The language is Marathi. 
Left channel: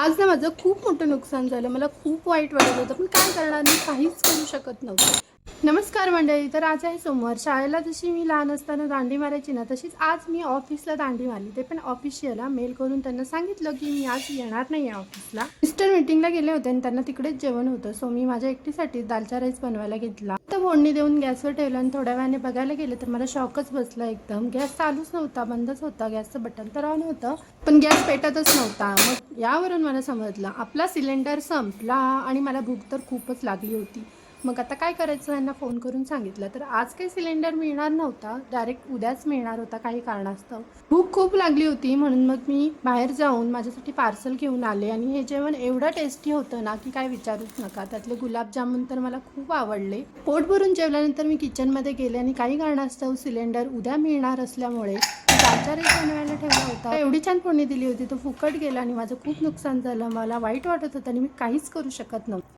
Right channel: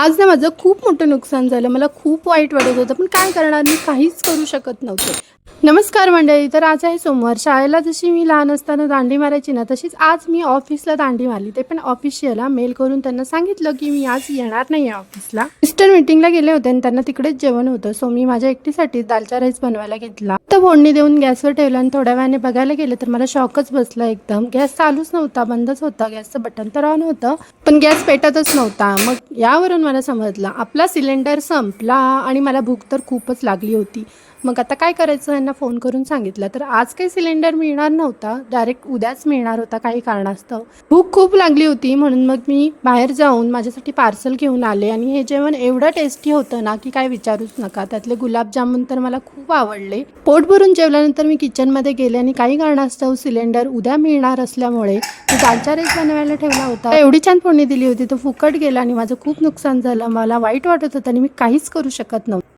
आज ना माझं खूप मोठं नुकसान झालं. मला खूप वाईट वाटत होतं, पण काय करणार, मी काहीच करू शकत नव्हते. नमस्कार मंडळी. तर आज आहे सोमवार. शाळेला जशी मी लहान असताना दांडी मारायची ना, तशीच आज मी ऑफिसला दांडी मारली. ते पण ऑफिशियल मेल करून त्यांना सांगितलं की मी आज येणार नाही आहे ऑफिसला. मिस्टर मीटिंगला गेले होते आणि त्यांना तिकडेच जेवण होतं. सो मी माझ्या एकटीसाठी दालचा राईस बनवायला घेतला. तर फोडणी देऊन गॅसवर ठेवला आणि थोड्या वेळाने बघायला गेलं तर मला शॉकच बसला एकदम. गॅस चालूच नव्हता, बंदच होता. गॅसचं बटन तर ऑन होतं, पण गॅस पेटतच नव्हता. मग यावरून मला समजलं आपला सिलेंडर संपला आणि मला भूक तर खूपच लागली होती. मग आता काय करायचं, यांना फोन करून सांगितलं. तर आज काही सिलेंडर मिळणार नव्हता, डायरेक्ट उद्याच मिळणार होता काही कारणास्तव. भूक खूप लागली होती म्हणून मग मी बाहेर जाऊन माझ्यासाठी पार्सल घेऊन आले आणि हे जेवण एवढं टेस्टी होतं ना की काय विचारूच नका. त्यातले गुलाबजामुन तर मला खूप आवडले. पोट भरून जेवल्यानंतर मी किचनमध्ये गेले आणि काही कारणास्तव सिलेंडर उद्या मिळणार असल्यामुळे मी दालचा राईस बनवायला ठेवला होता. एवढी छान फोडणी दिली होती, तो फुकट गेला आणि माझं खूप नुकसान झालं. मला वाईट वाटत होतं आणि मी काहीच करू शकत नव्हतं.